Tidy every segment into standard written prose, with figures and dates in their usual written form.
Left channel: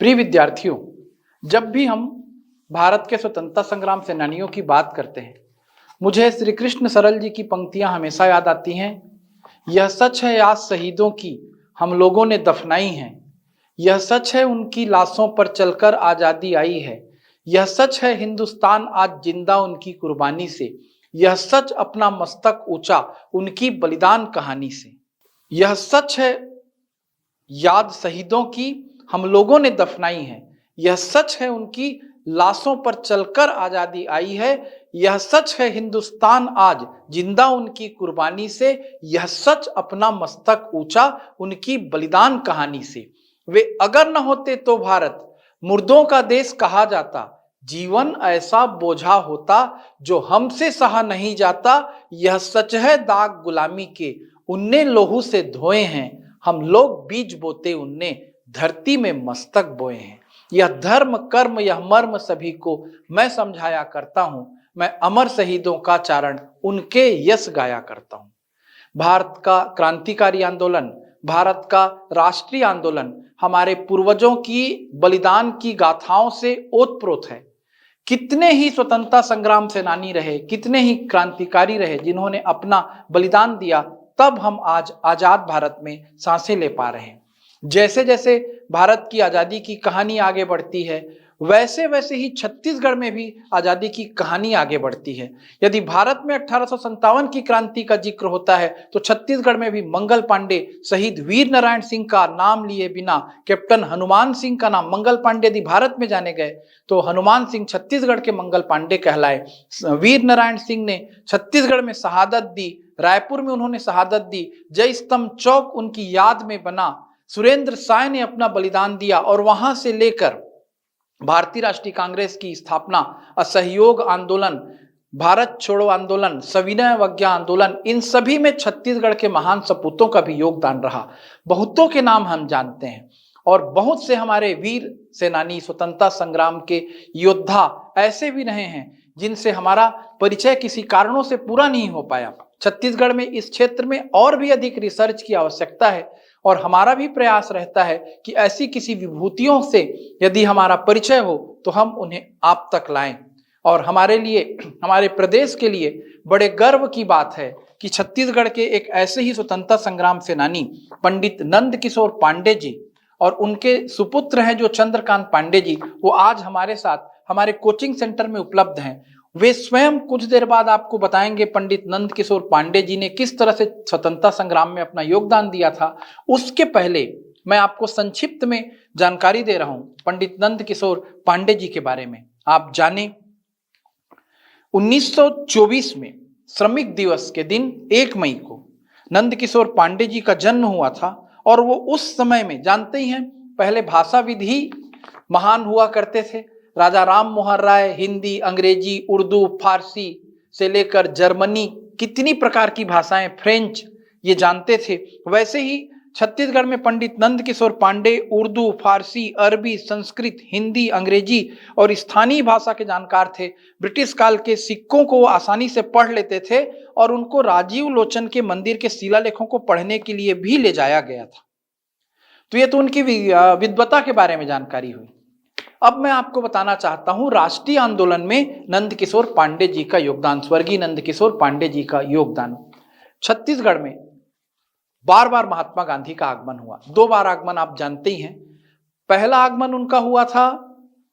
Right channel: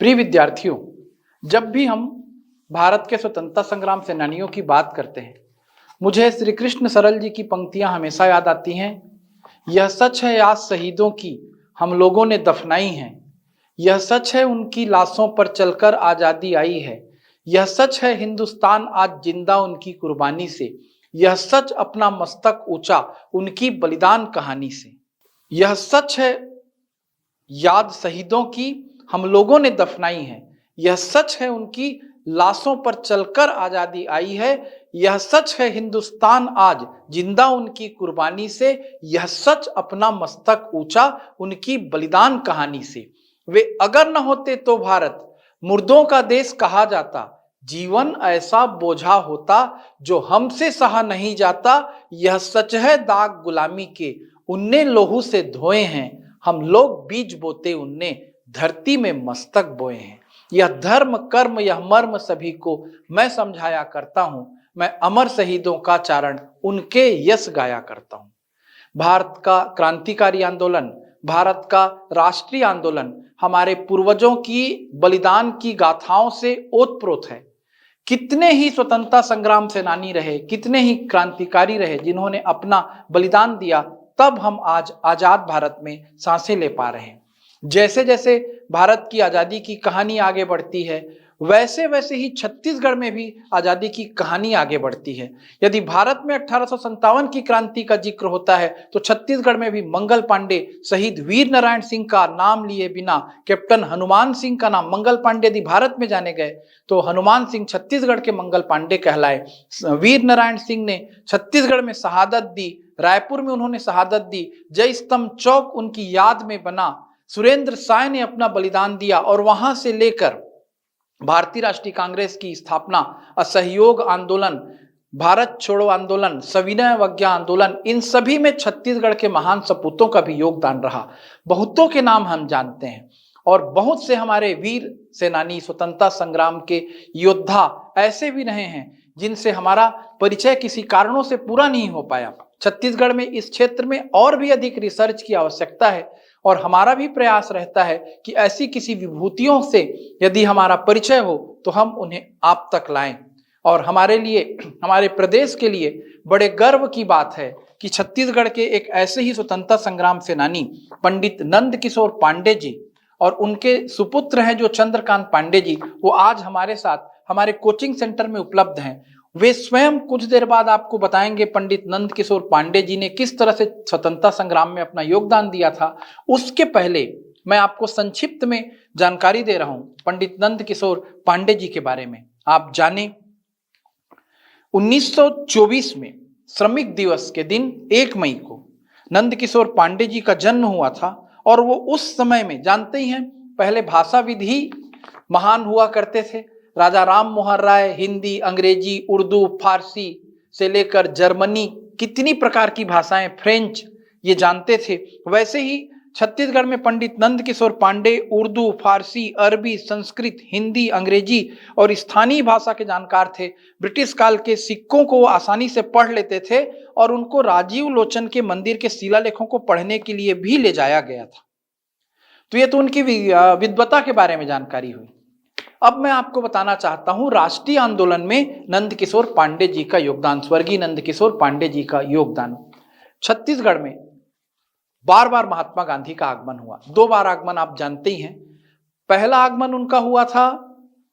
प्रिय विद्यार्थियों, जब भी हम भारत के स्वतंत्रता संग्राम सेनानियों की बात करते हैं, मुझे श्री कृष्ण सरल जी की पंक्तियां हमेशा याद आती हैं। यह सच है आज शहीदों की हम लोगों ने दफनाई हैं, यह सच है उनकी लाशों पर चलकर आजादी आई है, यह सच है हिंदुस्तान आज जिंदा उनकी कुर्बानी से, यह सच अपना मस्तक ऊंचा उनकी बलिदान कहानी से। यह सच है याद शहीदों की हम लोगों ने दफनाई है, यह सच है उनकी लाशों पर चलकर आजादी आई है, यह सच है हिंदुस्तान आज जिंदा उनकी कुर्बानी से, यह सच अपना मस्तक ऊंचा उनकी बलिदान कहानी से। वे अगर न होते तो भारत मुर्दों का देश कहा जाता, जीवन ऐसा बोझा होता जो हमसे सहा नहीं जाता, यह सच है दाग गुलामी के उनने लोहू से धोए हैं, हम लोग बीज बोते उनने धरती में मस्तक बोए हैं। यह धर्म कर्म यह मर्म सभी को मैं समझाया करता हूं, मैं अमर शहीदों का चारण उनके यश गाया करता हूं। भारत का क्रांतिकारी आंदोलन, भारत का राष्ट्रीय आंदोलन हमारे पूर्वजों की बलिदान की गाथाओं से ओतप्रोत है। कितने ही स्वतंत्रता संग्राम सेनानी रहे, कितने ही क्रांतिकारी रहे जिन्होंने अपना बलिदान दिया, तब हम आज आजाद भारत में सांसें ले पा रहे हैं। जैसे जैसे भारत की आजादी की कहानी आगे बढ़ती है, वैसे वैसे ही छत्तीसगढ़ में भी आजादी की कहानी आगे बढ़ती है। यदि भारत में 1857 की क्रांति का जिक्र होता है तो छत्तीसगढ़ में भी मंगल पांडे, शहीद वीर नारायण सिंह का नाम लिए बिना कैप्टन हनुमान सिंह का नाम, मंगल पांडे यदि भारत में जाने गए तो हनुमान सिंह छत्तीसगढ़ के मंगल पांडे कहलाए। वीर नारायण सिंह ने छत्तीसगढ़ में शहादत दी, रायपुर में उन्होंने शहादत दी, जय स्तंभ चौक उनकी याद में बना, सुरेंद्र साय ने अपना बलिदान दिया और वहां से लेकर भारतीय राष्ट्रीय कांग्रेस की स्थापना, असहयोग आंदोलन, भारत छोड़ो आंदोलन, सविनय अवज्ञा आंदोलन, इन सभी में छत्तीसगढ़ के महान सपूतों का भी योगदान रहा। बहुतों के नाम हम जानते हैं और बहुत से हमारे वीर सेनानी, स्वतंत्रता संग्राम के योद्धा ऐसे भी रहे हैं जिनसे हमारा परिचय किसी कारणों से पूरा नहीं हो पाया। छत्तीसगढ़ में इस क्षेत्र में और भी अधिक रिसर्च की आवश्यकता है और हमारा भी प्रयास रहता है कि ऐसी किसी विभूतियों से यदि हमारा परिचय हो तो हम उन्हें आप तक लाएं। और हमारे लिए, हमारे प्रदेश के लिए बड़े गर्व की बात है कि छत्तीसगढ़ के एक ऐसे ही स्वतंत्रता संग्राम सेनानी पंडित नंद किशोर पांडे जी और उनके सुपुत्र हैं जो चंद्रकांत पांडे जी, वो आज हमारे साथ हमारे कोचिंग सेंटर में उपलब्ध हैं। वे स्वयं कुछ देर बाद आपको बताएंगे पंडित नंद किशोर पांडे जी ने किस तरह से स्वतंत्रता संग्राम में अपना योगदान दिया था। उसके पहले मैं आपको संक्षिप्त में जानकारी दे रहा हूं पंडित नंद किशोर पांडे जी के बारे में। आप जाने 1924 में श्रमिक दिवस के दिन 1 मई को नंद किशोर पांडे जी का जन्म हुआ था और वो उस समय में, जानते ही हैं, पहले भाषाविद ही महान हुआ करते थे। राजा राम मोहन राय हिंदी, अंग्रेजी, उर्दू, फारसी से लेकर जर्मनी, कितनी प्रकार की भाषाएं, फ्रेंच, ये जानते थे। वैसे ही छत्तीसगढ़ में पंडित नंद किशोर पांडे उर्दू, फारसी, अरबी, संस्कृत, हिंदी, अंग्रेजी और स्थानीय भाषा के जानकार थे। ब्रिटिश काल के सिक्कों को आसानी से पढ़ लेते थे और उनको राजीव लोचन के मंदिर के शिलालेखों को पढ़ने के लिए भी ले जाया गया था। तो ये तो उनकी विद्वता के बारे में जानकारी हुई। अब मैं आपको बताना चाहता हूं राष्ट्रीय आंदोलन में नंद किशोर पांडे जी का योगदान, स्वर्गीय नंद किशोर पांडे जी का योगदान। छत्तीसगढ़ में बार बार महात्मा गांधी का आगमन हुआ। 2 बार आगमन आप जानते ही हैं। पहला आगमन उनका हुआ था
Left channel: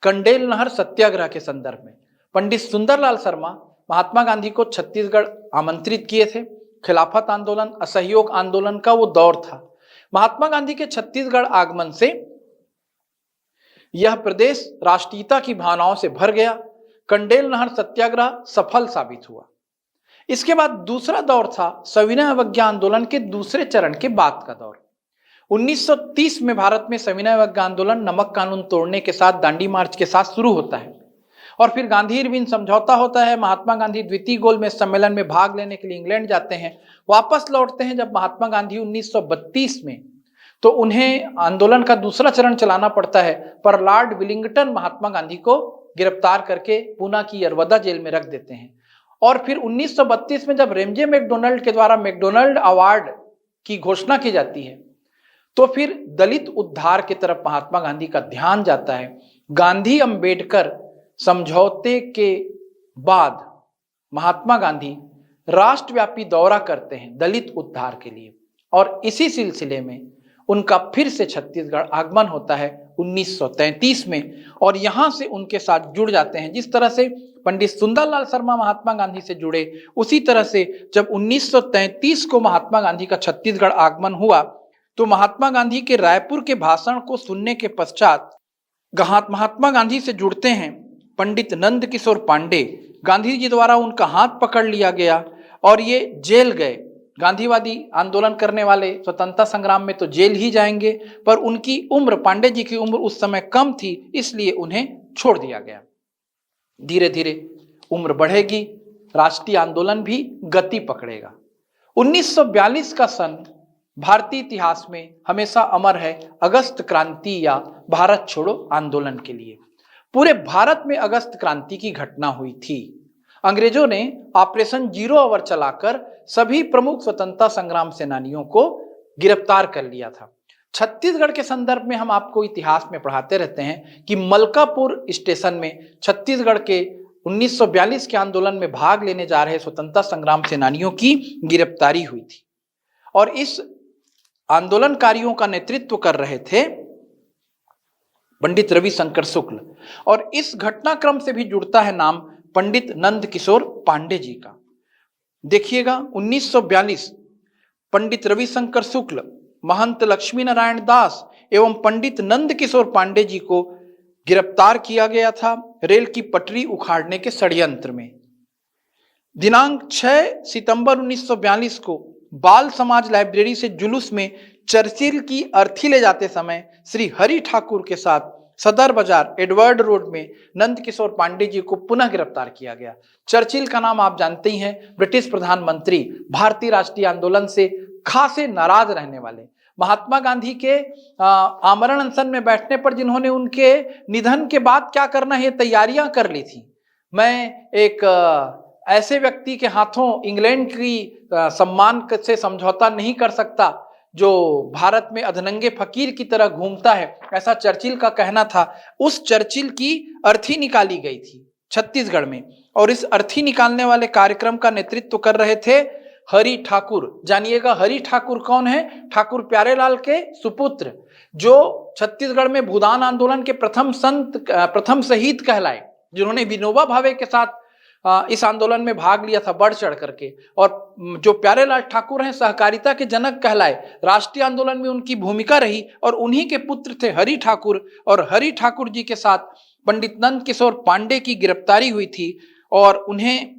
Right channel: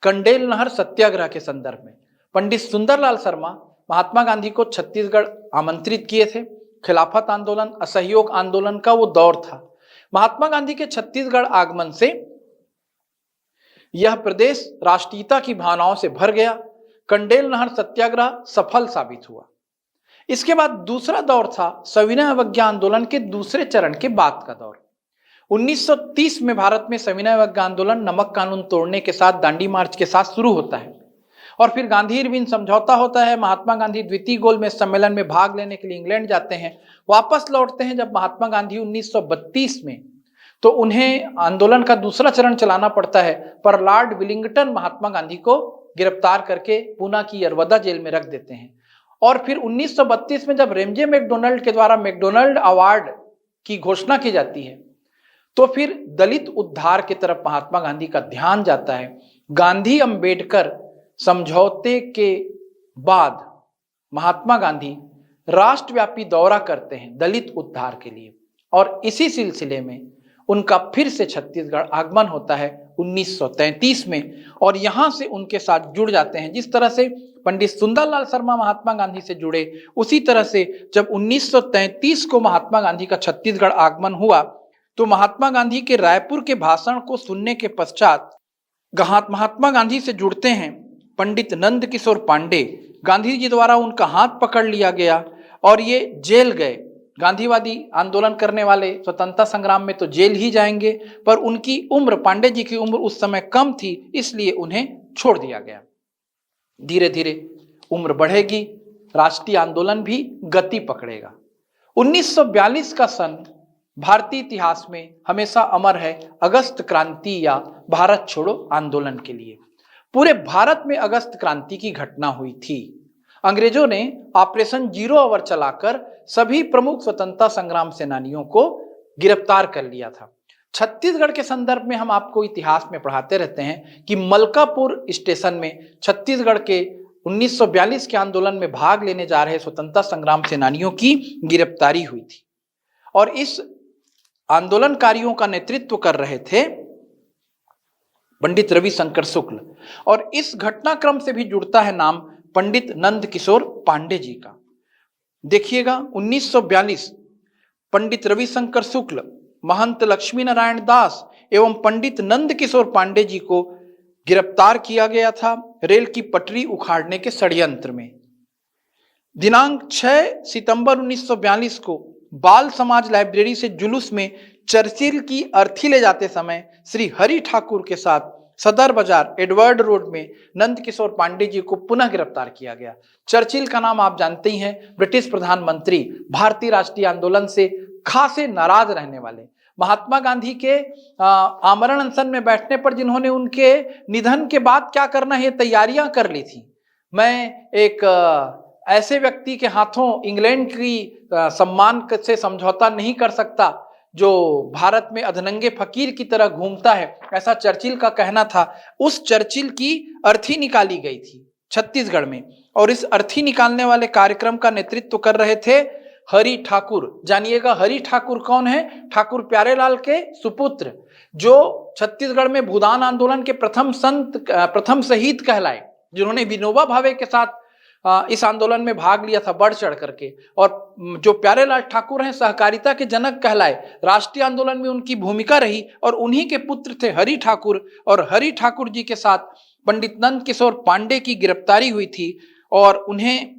कंडेल नहर सत्याग्रह के संदर्भ में। पंडित सुंदरलाल शर्मा महात्मा गांधी को छत्तीसगढ़ आमंत्रित किए थे। खिलाफत आंदोलन, असहयोग आंदोलन का वो दौर था। महात्मा गांधी के छत्तीसगढ़ आगमन से यह प्रदेश राष्ट्रीयता की भावनाओं से भर गया। कंडेल नहर सत्याग्रह सफल साबित हुआ। इसके बाद दूसरा दौर था सविनय अवज्ञा आंदोलन के दूसरे चरण के बाद का दौर। 1930 में भारत में सविनय अवज्ञा आंदोलन नमक कानून तोड़ने के साथ, दांडी मार्च के साथ शुरू होता है और फिर गांधी इरविन समझौता होता है। महात्मा गांधी द्वितीय गोलमेज सम्मेलन में भाग लेने के लिए इंग्लैंड जाते हैं, वापस लौटते हैं। जब महात्मा गांधी 1932 में, तो उन्हें आंदोलन का दूसरा चरण चलाना पड़ता है, पर लॉर्ड विलिंगटन महात्मा गांधी को गिरफ्तार करके पूना की यरवदा जेल में रख देते हैं। और फिर 1932 में जब रेमजे मैकडोनल्ड के द्वारा मैकडोनल्ड अवार्ड की घोषणा की जाती है, तो फिर दलित उद्धार की तरफ महात्मा गांधी का ध्यान जाता है। गांधी अंबेडकर समझौते के बाद महात्मा गांधी राष्ट्रव्यापी दौरा करते हैं दलित उद्धार के लिए, और इसी सिलसिले में उनका फिर से छत्तीसगढ़ आगमन होता है 1933 में, और यहां से उनके साथ जुड़ जाते हैं। जिस तरह से पंडित सुंदरलाल शर्मा महात्मा गांधी से जुड़े, उसी तरह से जब 1933 को महात्मा गांधी का छत्तीसगढ़ आगमन हुआ तो महात्मा गांधी के रायपुर के भाषण को सुनने के पश्चात महात्मा गांधी से जुड़ते हैं पंडित नंद किशोर पांडे। गांधी जी द्वारा उनका हाथ पकड़ लिया गया और ये जेल गए। गांधीवादी आंदोलन करने वाले स्वतंत्रता संग्राम में तो जेल ही जाएंगे, पर उनकी उम्र, पांडे जी की उम्र उस समय कम थी, इसलिए उन्हें छोड़ दिया गया। धीरे धीरे उम्र बढ़ेगी, राष्ट्रीय आंदोलन भी गति पकड़ेगा। 1942 का सन भारतीय इतिहास में हमेशा अमर है अगस्त क्रांति या भारत छोड़ो आंदोलन के लिए। पूरे भारत में अगस्त क्रांति की घटना हुई थी। अंग्रेजों ने ऑपरेशन जीरो आवर चलाकर सभी प्रमुख स्वतंत्रता संग्राम सेनानियों को गिरफ्तार कर लिया था। छत्तीसगढ़ के संदर्भ में हम आपको इतिहास में पढ़ाते रहते हैं कि मलकापुर स्टेशन में छत्तीसगढ़ के 1942 के आंदोलन में भाग लेने जा रहे स्वतंत्रता संग्राम सेनानियों की गिरफ्तारी हुई थी, और इस आंदोलनकारियों का नेतृत्व कर रहे थे पंडित रविशंकर शुक्ल। और इस घटनाक्रम से भी जुड़ता है नाम पंडित नंद किशोर पांडे जी का। देखिएगा 1942 पंडित रविशंकर शुक्ल, महंत लक्ष्मी नारायण दास एवं पंडित नंद किशोर पांडे जी को गिरफ्तार किया गया था रेल की पटरी उखाड़ने के षड्यंत्र में। दिनांक 6 सितंबर 1942 को बाल समाज लाइब्रेरी से जुलूस में चर्चिल की अर्थी ले जाते समय श्री हरि ठाकुर के साथ सदर बाजार एडवर्ड रोड में नंद किशोर पांडे जी को पुनः गिरफ्तार किया गया। चर्चिल का नाम आप जानते ही हैं, ब्रिटिश प्रधानमंत्री, भारतीय राष्ट्रीय आंदोलन से खासे नाराज रहने वाले, महात्मा गांधी के आमरण अनशन में बैठने पर जिन्होंने उनके निधन के बाद क्या करना है तैयारियां कर ली थी। मैं एक ऐसे व्यक्ति के हाथों इंग्लैंड की सम्मान से समझौता नहीं कर सकता जो भारत में अधनंगे फकीर की तरह घूमता है, ऐसा चर्चिल का कहना था। उस चर्चिल की अर्थी निकाली गई थी छत्तीसगढ़ में, और इस अर्थी निकालने वाले कार्यक्रम का नेतृत्व कर रहे थे हरि ठाकुर। जानिएगा हरि ठाकुर कौन है? ठाकुर प्यारेलाल के सुपुत्र, जो छत्तीसगढ़ में भूदान आंदोलन के प्रथम संत, प्रथम शहीद कहलाए, जिन्होंने विनोबा भावे के साथ इस आंदोलन में भाग लिया था बढ़ चढ़ करके। और जो प्यारेलाल ठाकुर हैं सहकारिता के जनक कहलाए, राष्ट्रीय आंदोलन में उनकी भूमिका रही, और उन्हीं के पुत्र थे हरि ठाकुर। और हरि ठाकुर जी के साथ पंडित नंद किशोर पांडे की गिरफ्तारी हुई थी और उन्हें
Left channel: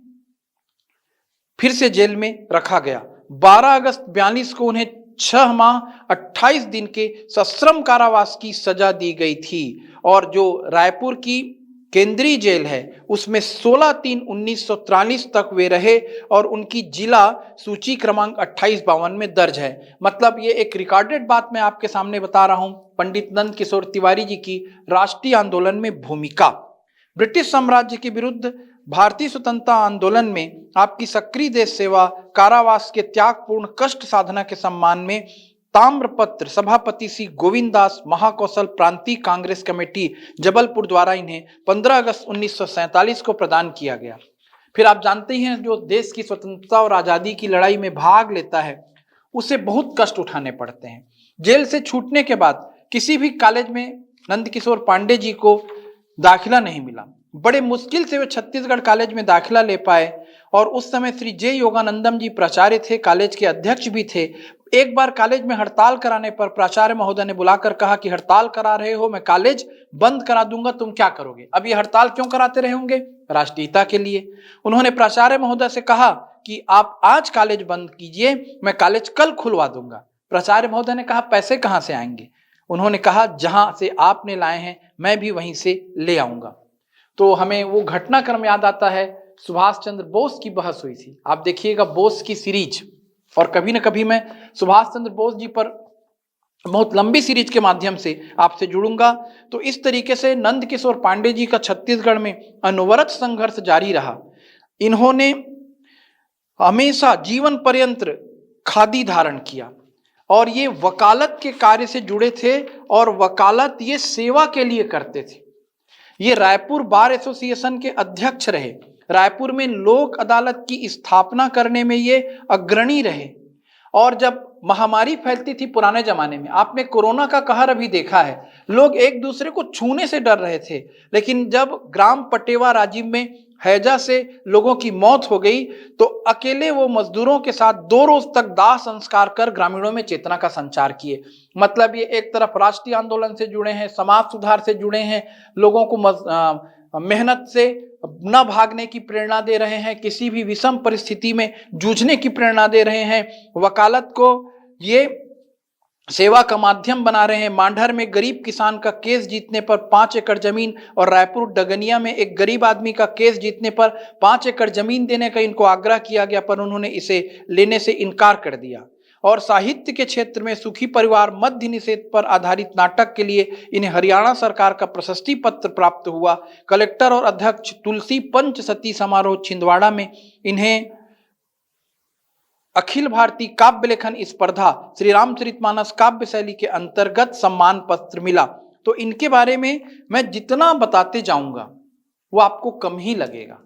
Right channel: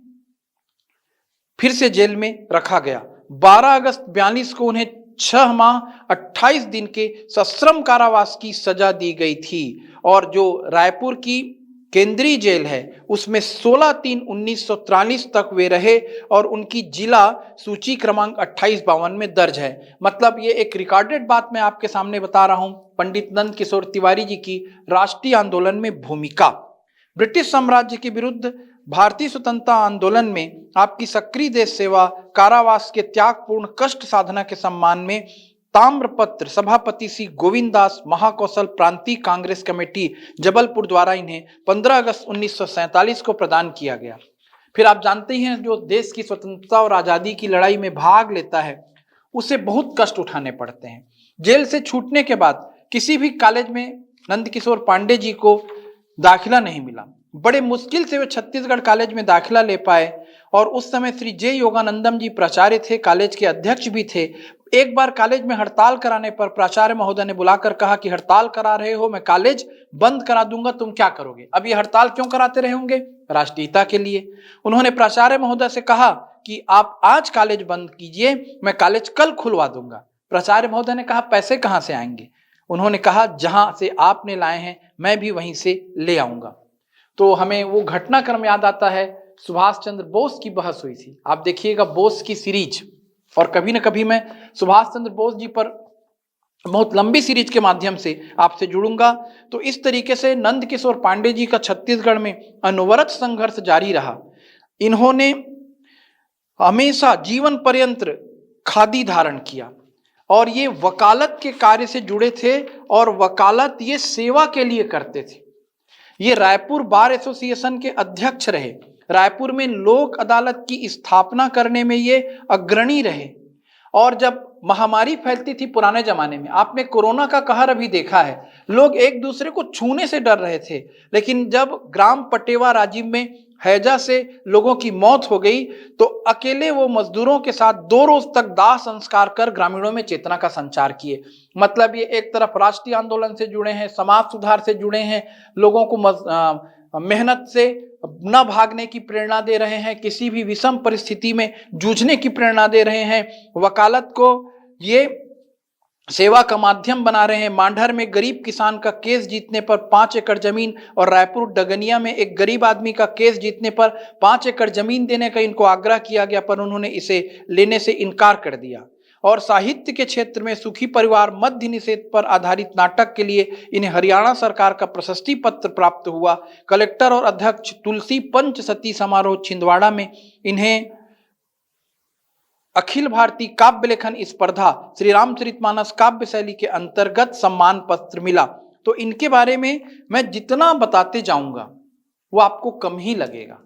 फिर से जेल में रखा गया। 12 अगस्त 42 को उन्हें 6 माह 28 दिन के सश्रम कारावास की सजा दी गई थी, और जो रायपुर की केंद्रीय जेल है उसमें 16/3/1943 तक वे रहे, और उनकी जिला सूची क्रमांक 2852 में दर्ज है। मतलब ये एक रिकॉर्डेड बात मैं आपके सामने बता रहा हूं, पंडित नंद किशोर तिवारी जी की राष्ट्रीय आंदोलन में भूमिका। ब्रिटिश साम्राज्य के विरुद्ध भारतीय स्वतंत्रता आंदोलन में आपकी सक्रिय देश सेवा, कारावास के त्यागपूर्ण कष्ट साधना के सम्मान में ताम्रपत्र सभापति श्री गोविंद दास महाकौशल प्रांतीय कांग्रेस कमेटी जबलपुर द्वारा इन्हें 15 अगस्त 1947 को प्रदान किया गया। फिर आप जानते ही हैं, जो देश की स्वतंत्रता और आजादी की लड़ाई में भाग लेता है उसे बहुत कष्ट उठाने पड़ते हैं। जेल से छूटने के बाद किसी भी कॉलेज में नंद किशोर पांडे जी को दाखिला नहीं मिला। बड़े मुश्किल से वे छत्तीसगढ़ कॉलेज में दाखिला ले पाए, और उस समय श्री जे योगानंदम जी प्राचार्य थे, कॉलेज के अध्यक्ष भी थे। एक बार कॉलेज में हड़ताल कराने पर प्राचार्य महोदय ने बुलाकर कहा कि हड़ताल करा रहे हो, मैं कॉलेज बंद करा दूंगा, तुम क्या करोगे? अब ये हड़ताल क्यों कराते रहे होंगे? राष्ट्रीयता के लिए। उन्होंने प्राचार्य महोदय से कहा कि आप आज कॉलेज बंद कीजिए, मैं कॉलेज कल खुलवा दूंगा। प्राचार्य महोदय ने कहा पैसे कहाँ से आएंगे? उन्होंने कहा जहां से आपने लाए हैं मैं भी वहीं से ले आऊंगा। तो हमें वो घटनाक्रम याद आता है, सुभाष चंद्र बोस की बहस हुई थी। आप देखिएगा बोस की सीरीज, और कभी न कभी मैं सुभाष चंद्र बोस जी पर बहुत लंबी सीरीज के माध्यम से आपसे जुड़ूंगा। तो इस तरीके से नंद किशोर पांडे जी का छत्तीसगढ़ में अनवरत संघर्ष जारी रहा। इन्होंने हमेशा जीवन पर्यंत खादी धारण किया। और ये वकालत के कार्य से जुड़े थे और वकालत ये सेवा के लिए करते थे। ये रायपुर बार एसोसिएशन के अध्यक्ष रहे, रायपुर में लोक अदालत की स्थापना करने में ये अग्रणी रहे। और जब महामारी फैलती थी पुराने जमाने में, आपने कोरोना का कहर अभी देखा है, लोग एक दूसरे को छूने से डर रहे थे, लेकिन जब ग्राम पटेवा राजीव में हैजा से लोगों की मौत हो गई तो अकेले वो मजदूरों के साथ 2 रोज तक दाह संस्कार कर ग्रामीणों में चेतना का संचार किए। मतलब ये एक तरफ राष्ट्रीय आंदोलन से जुड़े हैं, समाज सुधार से जुड़े हैं, लोगों को मेहनत से न भागने की प्रेरणा दे रहे हैं, किसी भी विषम परिस्थिति में जूझने की प्रेरणा दे रहे हैं, वकालत को ये सेवा का माध्यम बना रहे हैं। मांडर में गरीब किसान का केस जीतने पर 5 एकड़ जमीन और रायपुर डगनिया में एक गरीब आदमी का केस जीतने पर 5 एकड़ जमीन देने का इनको आग्रह किया गया, पर उन्होंने इसे लेने से इनकार कर दिया। और साहित्य के क्षेत्र में सुखी परिवार मद्य निषेध पर आधारित नाटक के लिए इन्हें हरियाणा सरकार का प्रशस्ति पत्र प्राप्त हुआ। कलेक्टर और अध्यक्ष तुलसी पंचसती समारोह छिंदवाड़ा में इन्हें अखिल भारतीय काव्य लेखन स्पर्धा श्री रामचरितमानस काव्य शैली के अंतर्गत सम्मान पत्र मिला। तो इनके बारे में मैं जितना बताते जाऊंगा वो आपको कम ही लगेगा।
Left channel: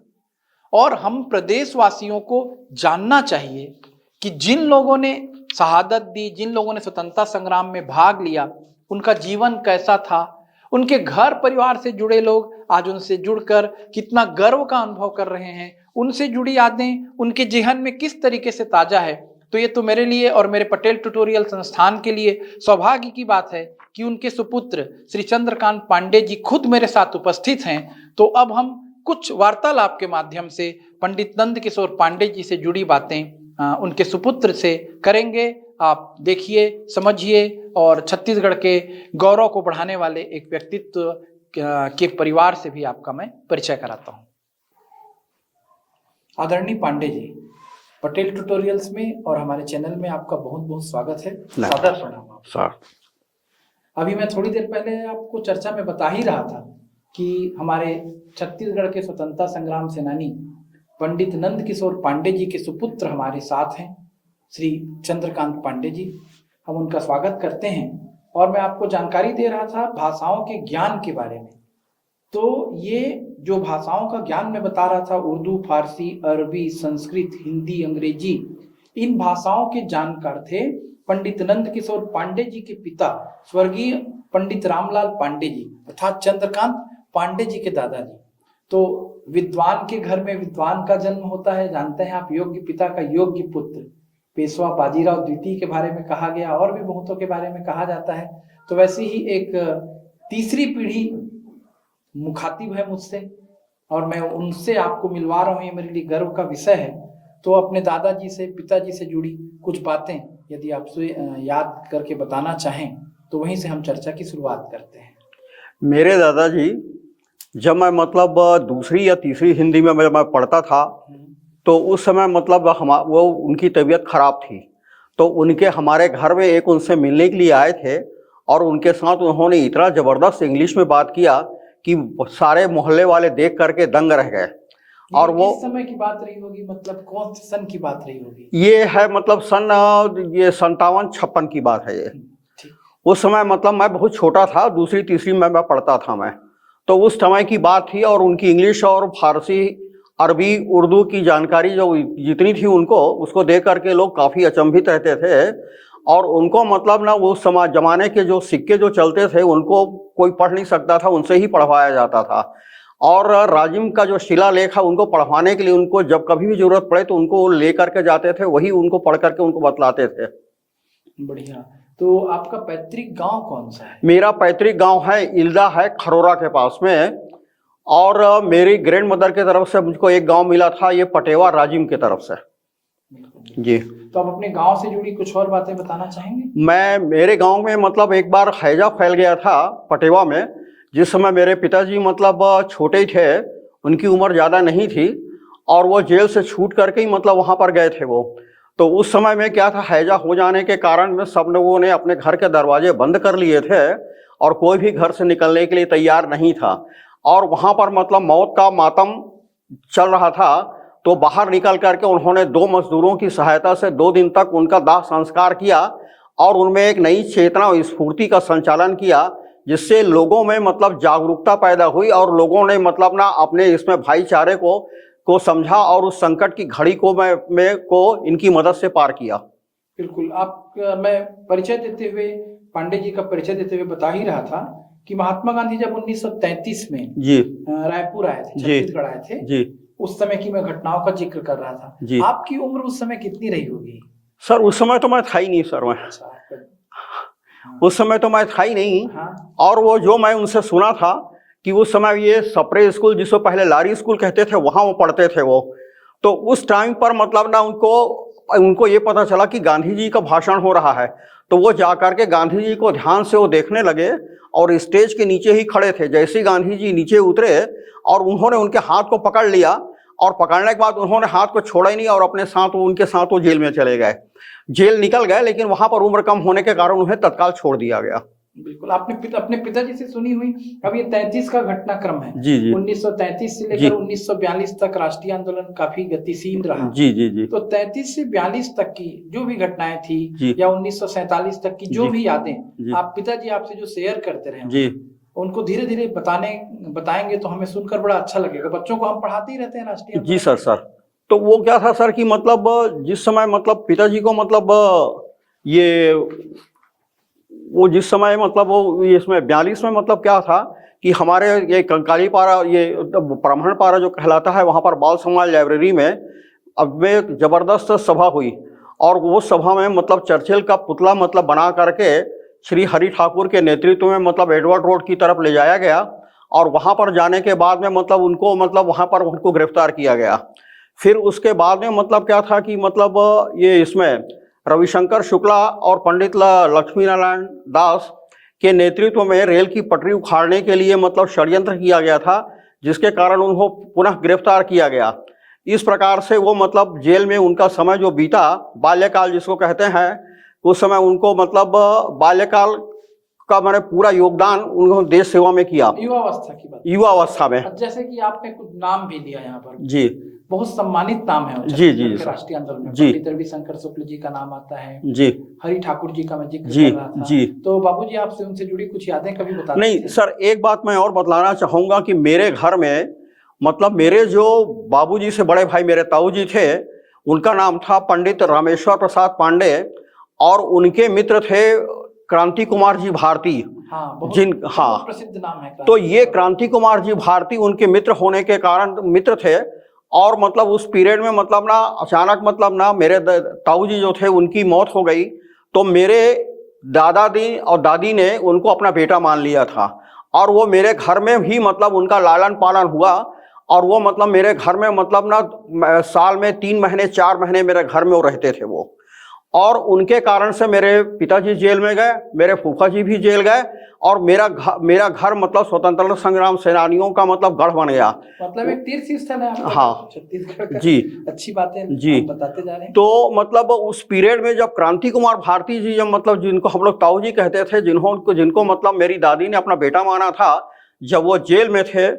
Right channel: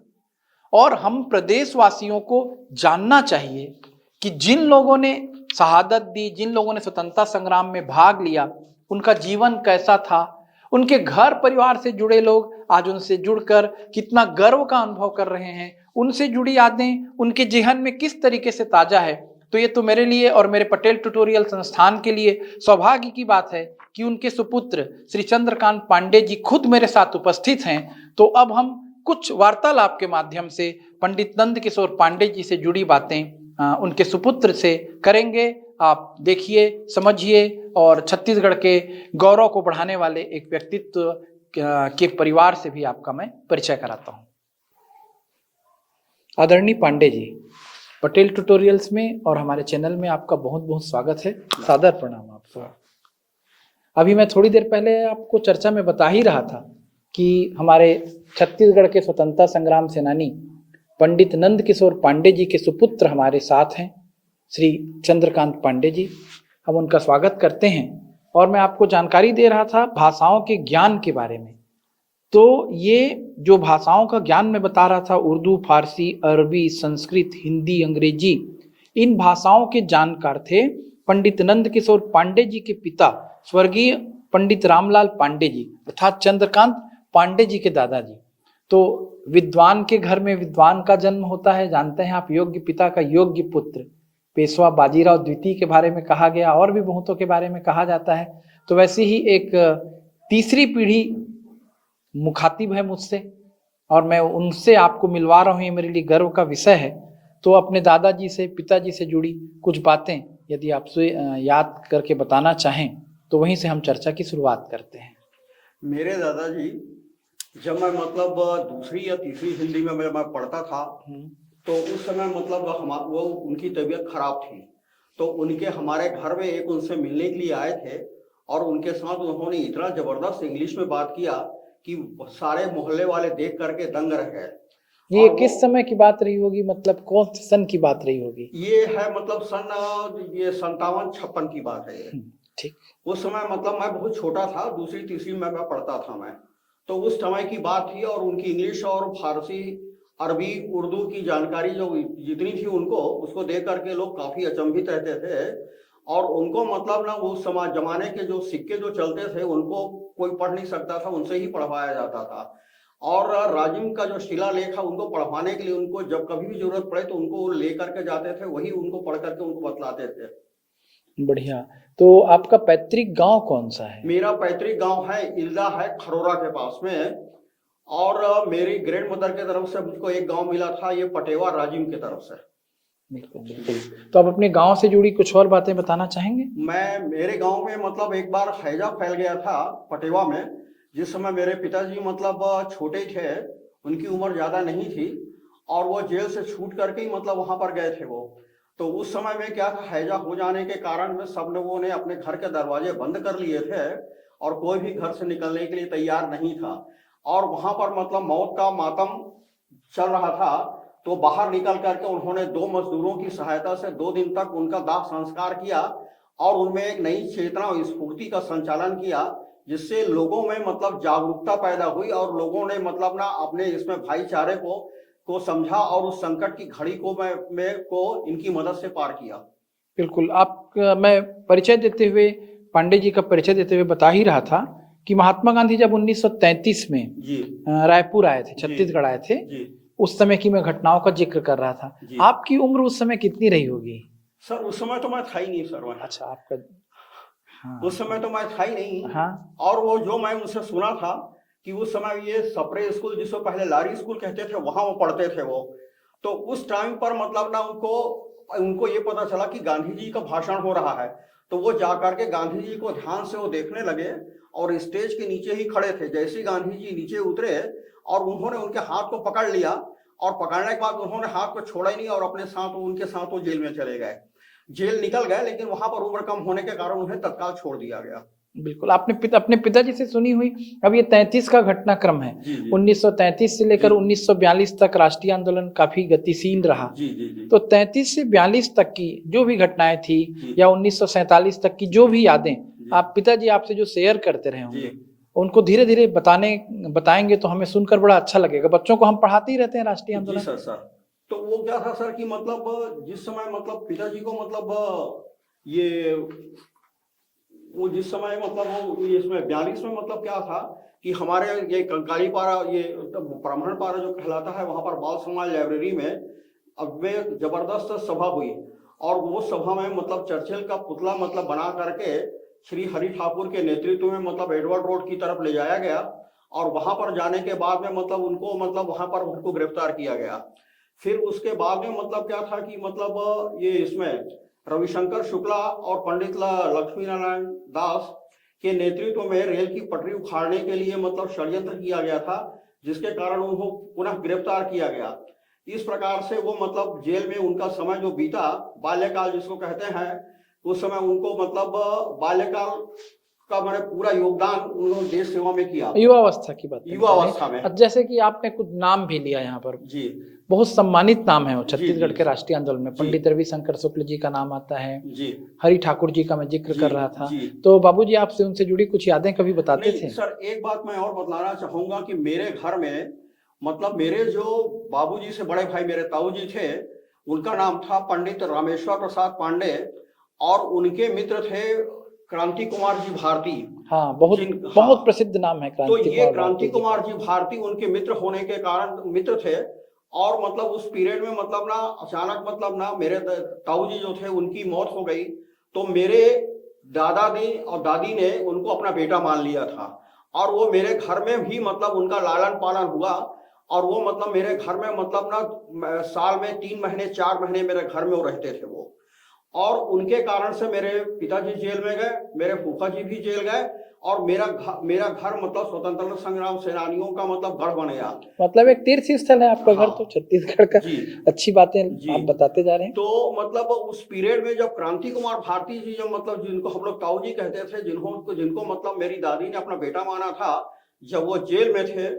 और हम प्रदेशवासियों को जानना चाहिए कि जिन लोगों ने शहादत दी, जिन लोगों ने स्वतंत्रता संग्राम में भाग लिया, उनका जीवन कैसा था, उनके घर परिवार से जुड़े लोग आज उनसे जुड़कर कितना गर्व का अनुभव कर रहे हैं, उनसे जुड़ी यादें उनके जेहन में किस तरीके से ताजा है। तो ये तो मेरे लिए और मेरे पटेल ट्यूटोरियल संस्थान के लिए सौभाग्य की बात है कि उनके सुपुत्र श्री चंद्रकांत पांडे जी खुद मेरे साथ उपस्थित हैं। तो अब हम कुछ वार्तालाप के माध्यम से पंडित नंद किशोर पांडे जी से जुड़ी बातें उनके सुपुत्र से करेंगे। आप देखिए, समझिए और छत्तीसगढ़ के गौरव को बढ़ाने वाले एक व्यक्तित्व के परिवार से भी आपका मैं परिचय कराता हूं। आदरणीय पांडे जी, पटेल ट्यूटोरियल्स में और हमारे चैनल में आपका बहुत बहुत स्वागत है। सादर प्रणाम आप। अभी मैं थोड़ी देर पहले आपको चर्चा में बता ही रहा था कि हमारे छत्तीसगढ़ के स्वतंत्रता संग्राम सेनानी पंडित नंद किशोर पांडे जी के सुपुत्र हमारे साथ हैं, श्री चंद्रकांत पांडे जी। हम उनका स्वागत करते हैं। और मैं आपको जानकारी दे रहा था भाषाओं के ज्ञान के बारे में। तो ये जो भाषाओं का ज्ञान मैं बता रहा था, उर्दू, फारसी, अरबी, संस्कृत, हिंदी, अंग्रेजी, इन भाषाओं के जानकार थे पंडित नंद किशोर पांडे जी के पिता स्वर्गीय पंडित रामलाल पांडे जी अर्थात चंद्रकांत पांडे जी के दादाजी। तो विद्वान के घर में विद्वान का जन्म होता है, जानते हैं आप। योग्य पिता का योग्य पुत्र, पेशवा बाजीराव द्वितीय के बारे में कहा गया, और भी बहुतों के बारे में कहा जाता है। तो वैसे ही एक तीसरी पीढ़ी मुखातिब है मुझसे और मैं उनसे आपको मिलवा रहा हूँ, ये मेरे लिए गर्व का विषय है। तो अपने दादाजी से, पिताजी से जुड़ी कुछ बातें यदि आपसे याद करके बताना चाहें तो वहीं से हम चर्चा की शुरुआत करते हैं। मेरे दादाजी जब मैं मतलब दूसरी या तीसरी हिंदी में मैं पढ़ता था तो उस समय मतलब वो उनकी तबीयत खराब थी, तो उनके हमारे घर में एक उनसे मिलने के लिए आए थे और उनके साथ उन्होंने इतना ज़बरदस्त इंग्लिश में बात किया कि सारे मोहल्ले वाले देख करके दंग रह गए। और किस समय की बात रही होगी, मतलब कौन से सन की बात रही होगी? ये है मतलब सन ये 57-56 की बात है ये। ठीक। उस समय मतलब मैं बहुत छोटा था, दूसरी तीसरी में मैं पढ़ता था मैं, तो उस समय की बात थी। और उनकी इंग्लिश और फारसी, अरबी, उर्दू की जानकारी जो जितनी थी उनको, उसको देख करके लोग काफ़ी अचंभित रहते थे। और उनको मतलब ना वो समय जमाने के जो सिक्के जो चलते थे उनको कोई पढ़ नहीं सकता था, उनसे ही पढ़वाया जाता था। और राजिम का जो शिलालेख है उनको पढ़वाने के लिए उनको जब कभी भी जरूरत पड़े तो उनको ले करके जाते थे, वही उनको पढ़ करके उनको बतलाते थे। बढ़िया। तो आपका पैतृक गांव कौन सा है? मेरा पैतृक गांव है इल्दा है, खरोरा के पास में। और मेरी ग्रैंड मदर की तरफ से मुझको एक गांव मिला था, ये पटेवा राजिम की तरफ से। जी। तो आप अपने गांव से जुड़ी कुछ और बातें बताना चाहेंगे? मेरे गांव में मतलब एक बार हैजा फैल गया था पटेवा में, जिस समय मेरे पिताजी मतलब छोटे ही थे, उनकी उम्र ज़्यादा नहीं थी और वो जेल से छूट करके ही मतलब वहाँ पर गए थे वो। तो उस समय में क्या था, हैजा हो जाने के कारण में सब लोगों ने अपने घर के दरवाजे बंद कर लिए थे और कोई भी घर से निकलने के लिए तैयार नहीं था। और वहाँ पर मतलब मौत का मातम चल रहा था। तो बाहर निकल करके उन्होंने 2 मजदूरों की सहायता से 2 दिन तक उनका दाह संस्कार किया और उनमें एक नई चेतना और स्फूर्ति का संचालन किया, जिससे लोगों में मतलब जागरूकता पैदा हुई और लोगों ने मतलब ना अपने इसमें भाईचारे को समझा और उस संकट की घड़ी को इनकी मदद से पार किया। बिल्कुल। मैं परिचय देते हुए, पांडे जी का परिचय देते हुए बता ही रहा था कि महात्मा गांधी जब 1933 में जी रायपुर आए थे, जी छत्तीसगढ़ आए थे जी उस समय की मैं घटनाओं का जिक्र कर रहा था। जी। आपकी उम्र उस समय कितनी रही होगी? सर उस समय तो मैं था ही नहीं सर, मैं अच्छा, आपका हाँ, उस समय तो मैं था ही नहीं। हाँ, और वो जो मैं उनसे सुना था कि उस समय ये सप्रे स्कूल, जिसको पहले लारी स्कूल कहते थे, वहां वो पढ़ते थे वो। तो उस टाइम पर मतलब ना उनको ये पता चला कि गांधी जी का भाषण हो रहा है, तो वो जाकर के गांधी जी को ध्यान से वो देखने लगे और स्टेज के नीचे ही खड़े थे। जैसे ही गांधी जी नीचे उतरे और उन्होंने उनके हाथ को पकड़ लिया, और पकड़ने के बाद उन्होंने हाथ को छोड़ा ही नहीं और अपने साथ उनके साथ वो जेल में चले गए। जेल निकल गए, लेकिन वहां पर उम्र कम होने के कारण उन्हें तत्काल छोड़ दिया गया। बिल्कुल। आपने अपने पिताजी से सुनी हुई। अब ये 33 का घटनाक्रम है। जी जी 1933 से लेकर 1942 तक राष्ट्रीय आंदोलन काफी गतिशील रहा। जी जी जी तो 33 से 42 तक की जो भी घटनाएं थी जी या 1947 तक की जो जी भी यादें जी आप पिताजी आपसे जो शेयर करते रहे जी उनको धीरे धीरे बताएंगे तो हमें सुनकर बड़ा अच्छा लगेगा। बच्चों को हम पढ़ाते ही रहते हैं राष्ट्रीय जी आंदोलन। सर। तो वो क्या था सर कि मतलब जिस समय मतलब पिताजी को मतलब ये वो जिस समय मतलब वो इसमें 42 में मतलब क्या था कि हमारे ये कंकाली पारा, ये ब्राह्मण पारा जो कहलाता है, वहाँ पर बाल समाज लाइब्रेरी में अब में एक जबरदस्त सभा हुई। और वो सभा में मतलब चर्चिल का पुतला मतलब बना करके श्री हरि ठाकुर के नेतृत्व में मतलब एडवर्ड रोड की तरफ ले जाया गया। और वहाँ पर जाने के बाद में मतलब उनको मतलब वहाँ पर उनको गिरफ्तार किया गया। फिर उसके बाद में मतलब क्या था कि मतलब ये इसमें रविशंकर शुक्ला और पंडित लक्ष्मी नारायण दास के नेतृत्व में रेल की पटरी उखाड़ने के लिए मतलब षड्यंत्र किया गया था, जिसके कारण उनको पुनः गिरफ्तार किया गया। इस प्रकार से वो मतलब जेल में उनका समय जो बीता, बाल्यकाल जिसको कहते हैं, उस समय उनको मतलब बाल्यकाल का मैंने पूरा योगदान उन्होंने देश सेवा में किया। युवावस्था की बात, युवावस्था में। जैसे कि आपने कुछ नाम भी लिया यहाँ पर, जी बहुत सम्मानित नाम है जी छत्तीसगढ़ के सर। राष्ट्रीय आंदोलन में। जी पंडित रविशंकर शुक्ल जी का नाम आता है, जी हरि ठाकुर जी का मैं जिक्र जी कर रहा था। जी। तो बाबूजी आपसे उनसे जुड़ी कुछ यादें कभी बताते नहीं थे? सर, एक बात मैं और बतलाना चाहूंगा कि मेरे घर में मतलब मेरे जो बाबूजी से बड़े भाई मेरे ताऊ जी थे, उनका नाम था पंडित रामेश्वर प्रसाद पांडे, और उनके मित्र थे क्रांति कुमार जी भारती। हाँ, बहुत हाँ, बहुत प्रसिद्ध नाम है तो क्रांति ये कुमार क्रांति भारती। कुमार जी भारती उनके मित्र होने के कारण मित्र थे। और मतलब उस पीरियड में मतलब ना अचानक मतलब ना मेरे ताऊ जी जो थे उनकी मौत हो गई, तो मेरे दादाजी और दादी ने उनको अपना बेटा मान लिया था। और वो मेरे घर में ही मतलब उनका लालन पालन हुआ। और वो मतलब मेरे घर में मतलब ना साल में 3 महीने 4 महीने मेरे घर में वो रहते थे वो। और उनके कारण से मेरे पिताजी जेल में गए, मेरे फूफा जी भी जेल गए, और मेरा घर मतलब स्वतंत्रता संग्राम सेनानियों का मतलब गढ़ बन गया। मतलब एक तीर्थ स्थल है आपका हाँ, घर तो छत्तीसगढ़ का। जी अच्छी बातें जी। हम बताते जा रहे हैं। तो मतलब उस पीरियड में जब क्रांति कुमार भारती जी, जब मतलब जिनको हम लोग ताऊ जी कहते थे, जिनको मतलब मेरी दादी ने अपना बेटा माना था, जब वो जेल में थे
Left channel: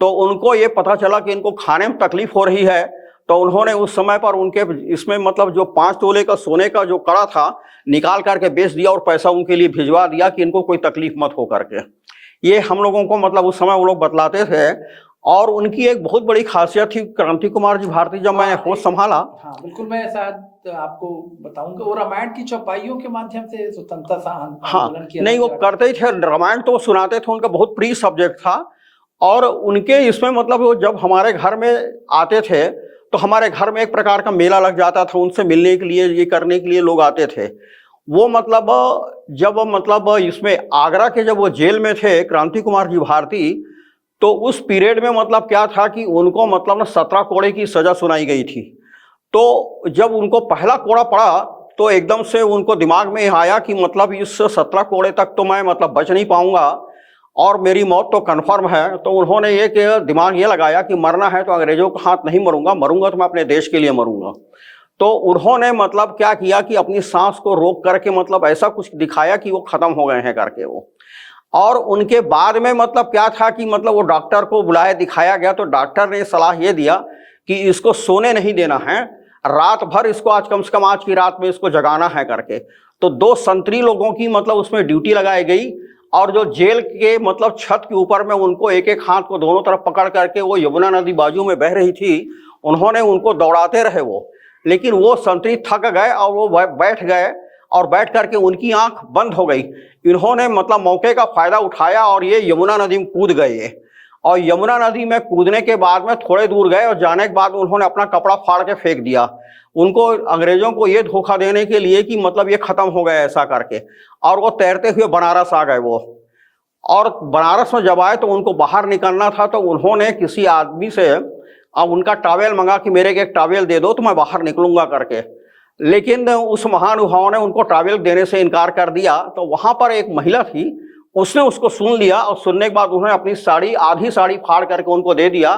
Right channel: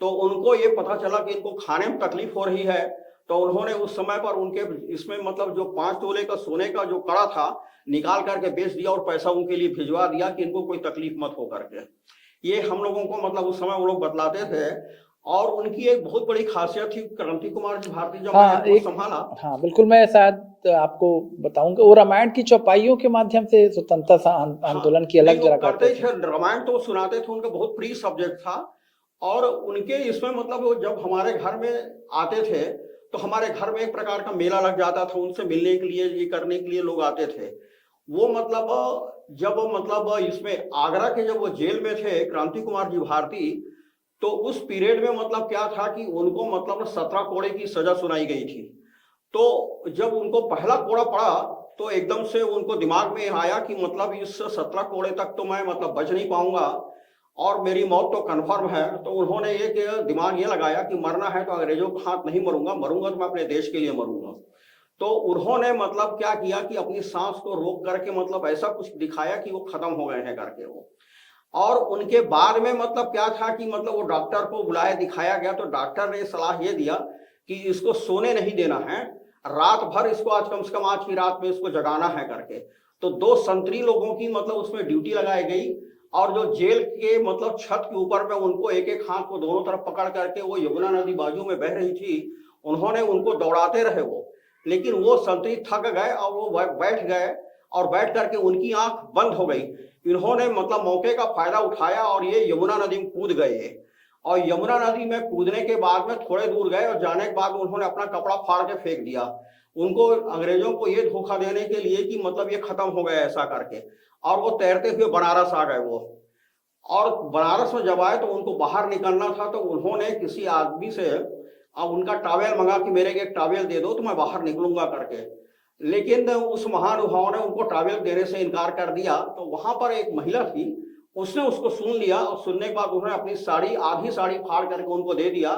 तो उनको ये पता चला कि इनको खाने में तकलीफ हो रही है। तो उन्होंने उस समय पर उनके इसमें मतलब जो 5 तोले का सोने का जो कड़ा था निकाल करके बेच दिया और पैसा उनके लिए भिजवा दिया कि इनको कोई तकलीफ मत हो करके। ये हम लोगों को मतलब उस समय वो लोग बतलाते थे। और उनकी एक बहुत बड़ी खासियत थी क्रांति कुमार जी भारती, जब मैं होश संभाला। हाँ बिल्कुल, मैं शायद आपको बताऊंगा, वो रामायण की चौपाइयों के माध्यम से स्वतंत्रता आंदोलन की नहीं, वो अलग करते ही थे। रामायण तो सुनाते थे, उनका बहुत प्रिय सब्जेक्ट था। और उनके इसमें मतलब वो जब हमारे घर में आते थे तो हमारे घर में एक प्रकार का मेला लग जाता था, उनसे मिलने के लिए, ये करने के लिए लोग आते थे। वो मतलब जब मतलब इसमें आगरा के जब वो जेल में थे क्रांति कुमार जी भारती, तो उस पीरियड में मतलब क्या था कि उनको मतलब ना 17 कोड़े की सजा सुनाई गई थी। तो जब उनको पहला कोड़ा पड़ा तो एकदम से उनको दिमाग में आया कि मतलब इस 17 कोड़े तक तो मैं मतलब बच नहीं पाऊंगा और मेरी मौत तो कन्फर्म है। तो उन्होंने एक दिमाग ये लगाया कि मरना है तो अंग्रेजों का हाथ नहीं मरूंगा, मरूंगा तो मैं अपने देश के लिए मरूंगा। तो उन्होंने मतलब क्या किया कि अपनी सांस को रोक करके मतलब ऐसा कुछ दिखाया कि वो खत्म हो गए हैं करके वो। और उनके बाद में मतलब क्या था कि मतलब वो डॉक्टर को बुलाया, दिखाया गया, तो डॉक्टर ने सलाह ये दिया कि इसको सोने नहीं देना है, रात भर इसको आज कम से कम आज की रात में इसको जगाना है करके। तो 2 संतरी लोगों की मतलब उसमें ड्यूटी लगाई गई, और जो जेल के मतलब छत के ऊपर में उनको एक एक हाथ को दोनों तरफ पकड़ करके, वो यमुना नदी बाजू में बह रही थी, उन्होंने उनको दौड़ाते रहे वो, लेकिन वो संतरी थक गए और वो बैठ गए, और बैठ करके उनकी आंख बंद हो गई। इन्होंने मतलब मौके का फायदा उठाया और ये यमुना नदी में कूद गए, और यमुना नदी में कूदने के बाद में थोड़े दूर गए और जाने के बाद उन्होंने अपना कपड़ा फाड़ के फेंक दिया। उनको अंग्रेजों को ये धोखा देने के लिए कि मतलब ये खत्म हो गया ऐसा करके, और वो तैरते हुए बनारस आ गए वो। और बनारस में जब आए तो उनको बाहर निकलना था, तो उन्होंने किसी आदमी से अब उनका टॉवेल मंगा कि मेरे को एक टॉवेल दे दो तो मैं बाहर निकलूंगा करके, लेकिन उस महानुभाव ने उनको टॉवेल देने से इनकार कर दिया। तो वहां पर एक महिला थी, उसने उसको सुन लिया, और सुनने के बाद उन्होंने अपनी साड़ी, आधी साड़ी फाड़ करके उनको दे दिया,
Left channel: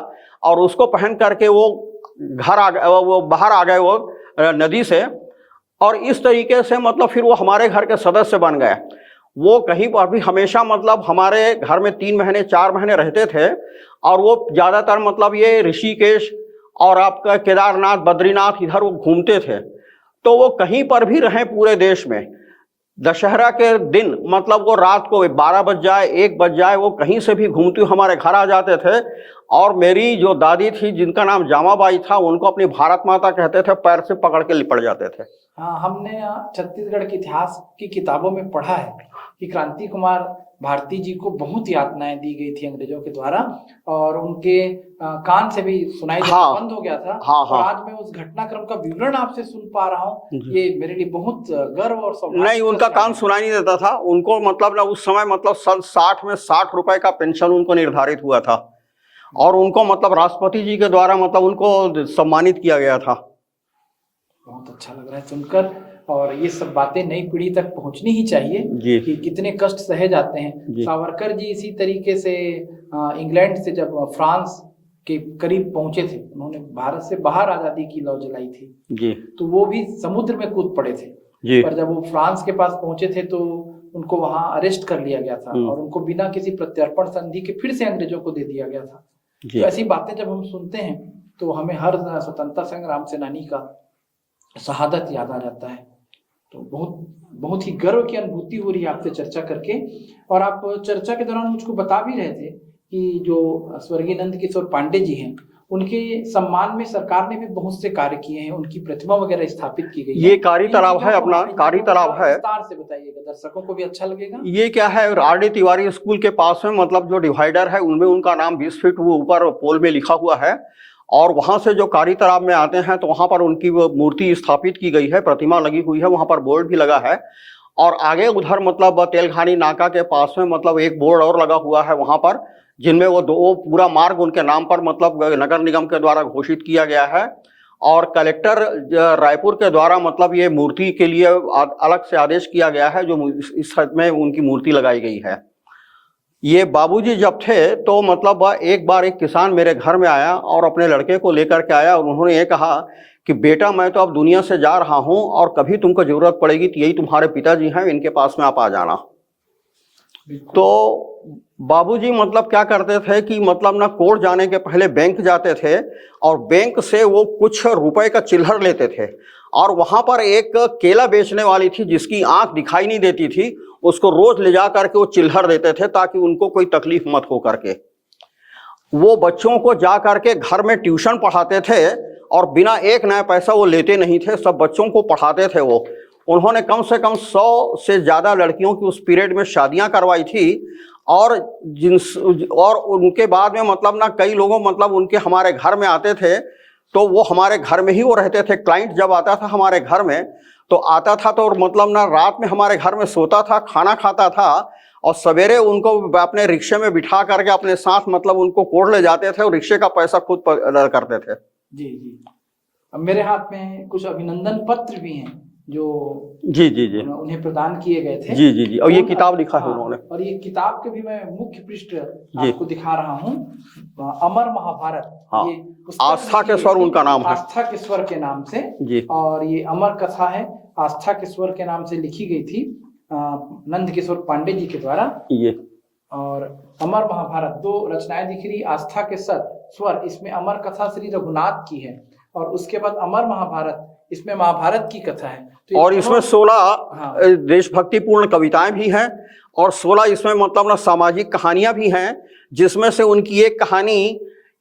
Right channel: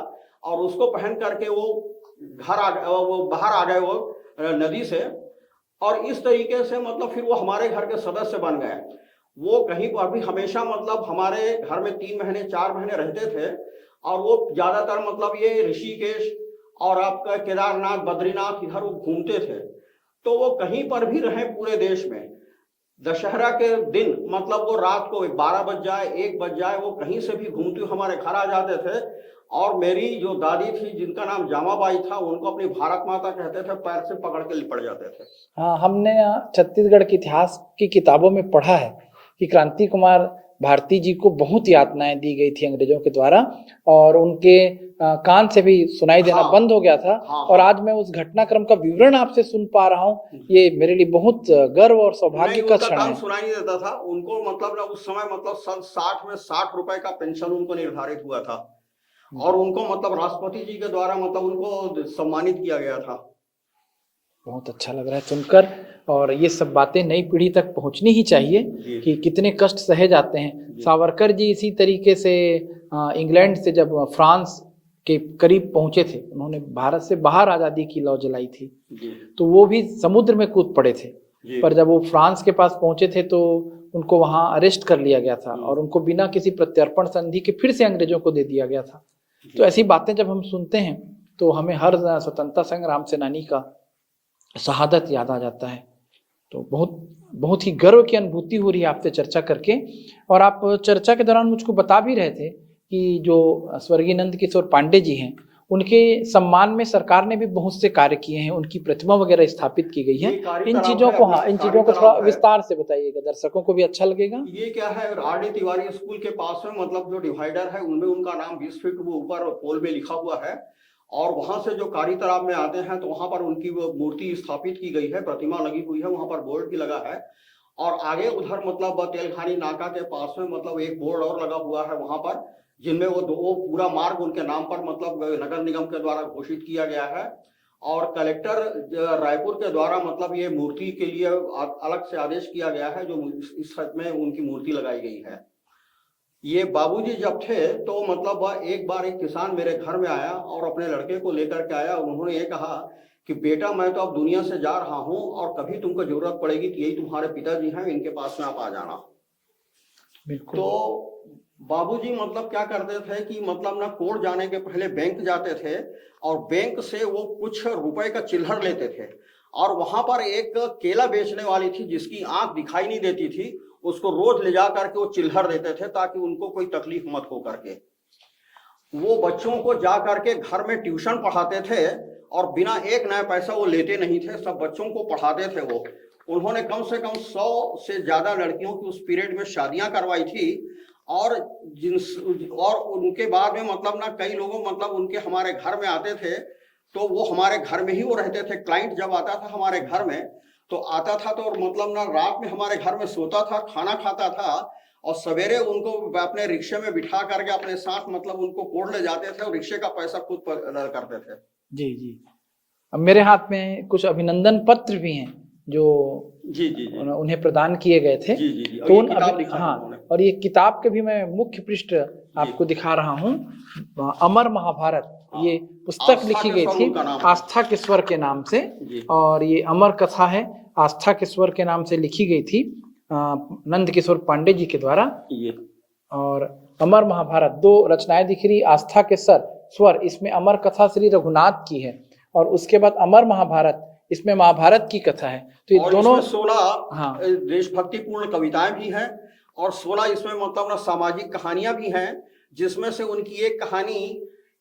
और उसको पहन करके वो घर आ गए, वो बाहर आ गए वो नदी से। और इस तरीके से मतलब फिर वो हमारे घर के सदस्य बन गए। वो कहीं पर भी हमेशा मतलब हमारे घर में 3 महीने 4 महीने रहते थे, और वो ज्यादातर मतलब ये ऋषिकेश और आपका केदारनाथ, बद्रीनाथ, इधर वो घूमते थे। तो वो कहीं पर भी रहे पूरे देश में, दशहरा के दिन मतलब वो रात को 12 बज जाए, 1 बज जाए, वो कहीं से भी घूमते हुए हमारे घर आ जाते थे। और मेरी जो दादी थी जिनका नाम जामाबाई था, उनको अपनी भारत माता कहते थे, पैर से पकड़ के लिपट जाते थे। हाँ, हमने छत्तीसगढ़ के इतिहास की किताबों में पढ़ा है कि क्रांति कुमार भारती जी को बहुत यातनाएं दी गई थी अंग्रेजों के द्वारा, और उनके कान से भी सुनाई देना हाँ, बंद हो गया था। हाँ, और हाँ। आज मैं उस घटनाक्रम का विवरण आपसे सुन पा रहा हूँ, ये मेरे लिए बहुत गर्व और सौभाग्य नहीं, का उनका क्षण कान है। सुनाई नहीं देता था उनको, मतलब ना उस समय मतलब सन 60 में 60 रुपए का पेंशन उनको निर्धारित हुआ था, और उनको मतलब राष्ट्रपति जी के द्वारा मतलब उनको सम्मानित किया गया था। बहुत अच्छा लग रहा है सुनकर, और ये सब बातें नई पीढ़ी तक पहुंचनी ही चाहिए जी। कि कितने कष्ट सहे जाते हैं। जी। सावरकर जी इसी तरीके से इंग्लैंड से जब फ्रांस के करीब पहुंचे थे, उन्होंने भारत से बाहर आजादी की लौ जलाई थी, जी। तो वो भी समुद्र में कूद पड़े थे। जी। पर जब वो फ्रांस के पास पहुंचे थे तो उनको वहां अरेस्ट कर लिया गया था, और उनको बिना किसी प्रत्यर्पण संधि के फिर से अंग्रेजों को दे दिया गया था। तो ऐसी बातें जब हम सुनते हैं तो हमें हर स्वतंत्रता संग्राम सेनानी का शहादत याद आ जाता है। तो बहुत बहुत ही गर्व की अनुभूति हो रही है आपसे चर्चा करके। और आप चर्चा के दौरान मुझको बता भी रहे थे कि जो स्वर्गीय नंद किशोर पांडे जी हैं, उनके सम्मान में सरकार ने भी बहुत से कार्य किए हैं, उनकी प्रतिमा वगैरह स्थापित की गई है। ये कारी तालाब है अपना, कारी तालाब है। विस्तार से बताइएगा, दर्शकों को भी अच्छा लगेगा। ये क्या है, RD तिवारी स्कूल के पास में मतलब जो डिवाइडर है उनमें उनका नाम 20 फीट वो ऊपर पोल में लिखा हुआ है, और वहां से जो कारी तालाब में आते हैं तो वहां पर उनकी वो मूर्ति स्थापित की गई है, प्रतिमा लगी हुई है, वहां पर बोर्ड भी लगा है। और आगे उधर मतलब तेलघानी नाका के पास में मतलब एक बोर्ड और लगा हुआ है वहां पर, जिनमें वो पूरा मार्ग उनके नाम पर मतलब नगर निगम के द्वारा घोषित किया गया है। और कलेक्टर रायपुर के द्वारा मतलब ये मूर्ति के लिए अलग से आदेश किया गया है, जो इस हद में उनकी मूर्ति लगाई गई है। ये बाबूजी जब थे तो मतलब एक बार एक किसान मेरे घर में आया और अपने लड़के को लेकर के आया, और उन्होंने ये कहा कि बेटा मैं तो अब दुनिया से जा रहा हूं, और कभी तुमको जरूरत पड़ेगी तो यही तुम्हारे पिताजी हैं, इनके पास में आप आ जाना। तो बाबूजी मतलब क्या करते थे कि मतलब ना कोर्ट जाने के पहले बैंक जाते थे, और बैंक से वो कुछ रुपए का चिल्लर लेते थे, और वहां पर एक केला बेचने वाली थी जिसकी आंख दिखाई नहीं देती थी, उसको रोज ले जा करके वो चिल्लर देते थे ताकि उनको कोई तकलीफ मत हो करके। वो बच्चों को जा करके घर में ट्यूशन पढ़ाते थे, और बिना एक नया पैसा वो लेते नहीं थे, सब बच्चों को पढ़ाते थे वो। उन्होंने कम से कम 100 से ज्यादा लड़कियों की उस पीरियड में शादियां करवाई थी, और उनके बाद में मतलब ना कई लोगों मतलब उनके हमारे घर में आते थे, तो वो हमारे घर में ही वो रहते थे। क्लाइंट जब आता था हमारे घर में तो आता था तो और मतलब ना रात में हमारे घर में सोता था, खाना खाता था, और सवेरे उनको अपने रिक्शे में बिठा करके अपने साथ मतलब उनको कोर्ट ले जाते थे, और रिक्शे का पैसा खुद करते थे। जी जी। अब मेरे हाथ में कुछ अभिनंदन पत्र भी हैं जो जी जी जी उन्हें प्रदान किए गए थे। जी जी जी। और ये किताब लिखा है उन्होंने। और ये किताब के भी मैं मुख्य पृष्ठ आपको दिखा रहा हूँ, अमर महाभारत। ये पुस्तक लिखी गई थी उनका नाम आस्था के स्वर के नाम से जी। और ये अमर कथा है, आस्था के स्वर के नाम से लिखी गई थी नंद किशोर पांडे जी के द्वारा। ये और अमर महाभारत 2 रचनाएं दिख रही, आस्था के स्वर, इसमें अमर कथा श्री रघुनाथ की है, और उसके बाद अमर महाभारत, इसमें महाभारत की कथा है। तो ये और इसमें दोनों 16 देशभक्तिपूर्ण कविताएं भी हैं और 16 इसमें मतलब ना सामाजिक कहानियां भी हैं, जिसमें से उनकी एक कहानी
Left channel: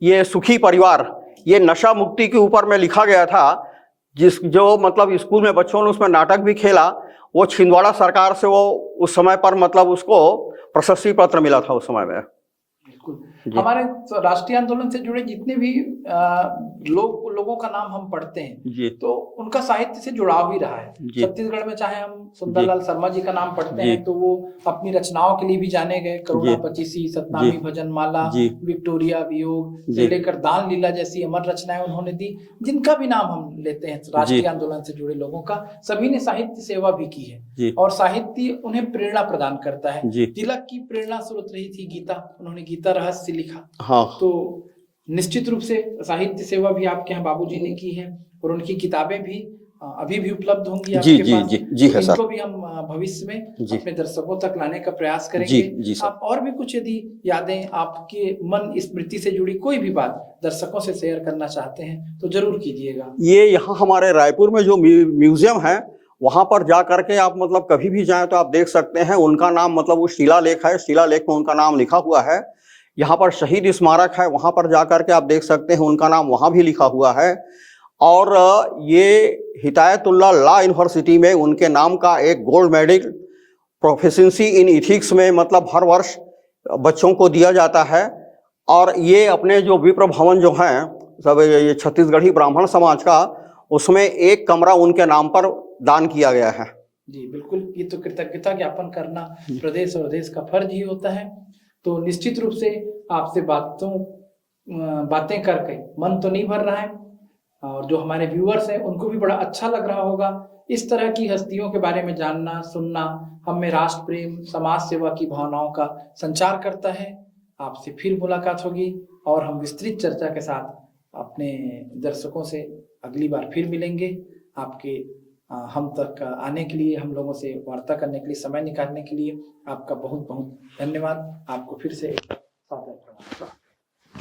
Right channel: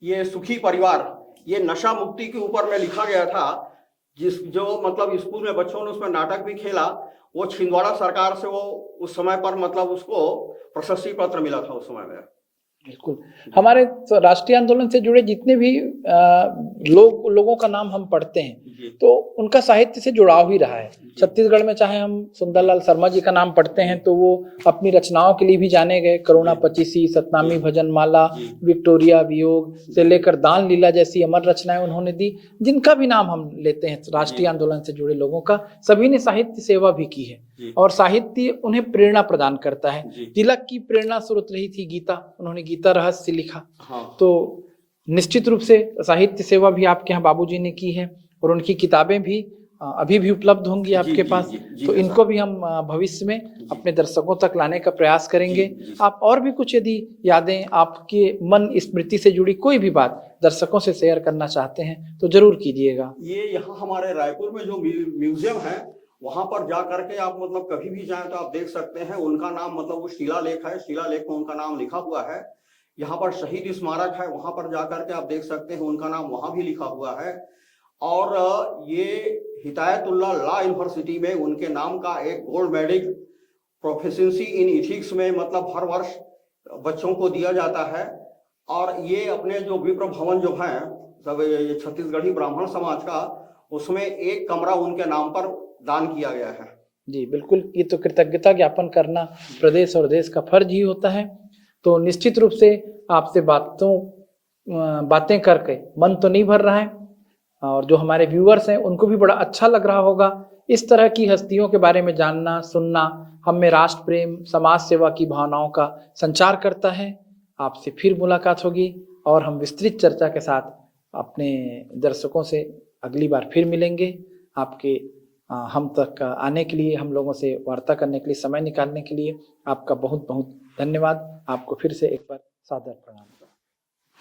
ये सुखी परिवार, ये नशा मुक्ति के ऊपर में लिखा गया था, जो मतलब स्कूल में बच्चों ने उसमें नाटक भी खेला। वो छिंदवाड़ा सरकार से वो उस समय पर मतलब उसको प्रशस्ति पत्र मिला था उस समय में। बिल्कुल। हमारे राष्ट्रीय आंदोलन से जुड़े जितने भी लोगों का नाम हम पढ़ते हैं तो उनका साहित्य से जुड़ाव ही रहा है। छत्तीसगढ़ में चाहे हम सुंदरलाल शर्मा जी का नाम पढ़ते हैं तो वो अपनी रचनाओं के लिए भी जाने गए। करुणा पचीसी, सतनामी भजन माला, विक्टोरिया वियोग से लेकर दान लीला जैसी अमर रचनाएं उन्होंने दी। जिनका भी नाम हम लेते हैं राष्ट्रीय आंदोलन से जुड़े लोगों का, सभी ने साहित्य सेवा भी की है और साहित्य उन्हें प्रेरणा प्रदान करता है। तिलक की प्रेरणा स्रोत रही थी गीता, उन्होंने गीता रहस्य लिखा। तो निश्चित रूप से साहित्य सेवा भी आपके यहाँ बाबूजी ने की है और उनकी किताबें भी अभी भी उपलब्ध होंगी आपके पास। तो इनको भी हम भविष्य में अपने दर्शकों तक लाने का प्रयास करेंगे। आप और भी कुछ यदि यादें, आपके मन स्मृति से जुड़ी कोई भी बात दर्शकों से शेयर करना चाहते हैं तो जरूर कीजिएगा। ये यहाँ हमारे रायपुर में जो म्यूजियम है वहां पर जा करके आप मतलब कभी भी जाएं तो आप देख सकते हैं। उनका नाम मतलब वो शिलालेख है, शिलालेख में उनका नाम लिखा हुआ है। यहाँ पर शहीद स्मारक है, वहां पर जा करके आप देख सकते हैं, उनका नाम वहां भी लिखा हुआ है। और ये हिदायतुल्लाह लॉ यूनिवर्सिटी में उनके नाम का एक गोल्ड मेडल प्रोफिशिएंसी इन इथिक्स में मतलब हर वर्ष बच्चों को दिया जाता है। और ये अपने जो विप्र भवन जो है सब ये छत्तीसगढ़ी ब्राह्मण समाज का, उसमें एक कमरा उनके नाम पर दान किया गया है। जी बिल्कुल, ये तो कृतज्ञता ज्ञापन करना प्रदेश और देश का फर्ज ही होता है। तो निश्चित रूप से आपसे बातें करके मन तो नहीं भर रहा है और जो हमारे व्यूअर्स हैं उनको भी बड़ा अच्छा लग रहा होगा। इस तरह की हस्तियों के बारे में जानना, सुनना हम में राष्ट्र प्रेम, समाज सेवा की भावनाओं का संचार करता है। आपसे फिर मुलाकात होगी और हम विस्तृत चर्चा के साथ अपने दर्शकों से अगली बार फिर मिलेंगे। आपके हम तक आने के लिए, हम लोगों से वार्ता करने के लिए, समय निकालने के लिए आपका बहुत बहुत धन्यवाद। आपको फिर से एक बार सादर प्रणाम।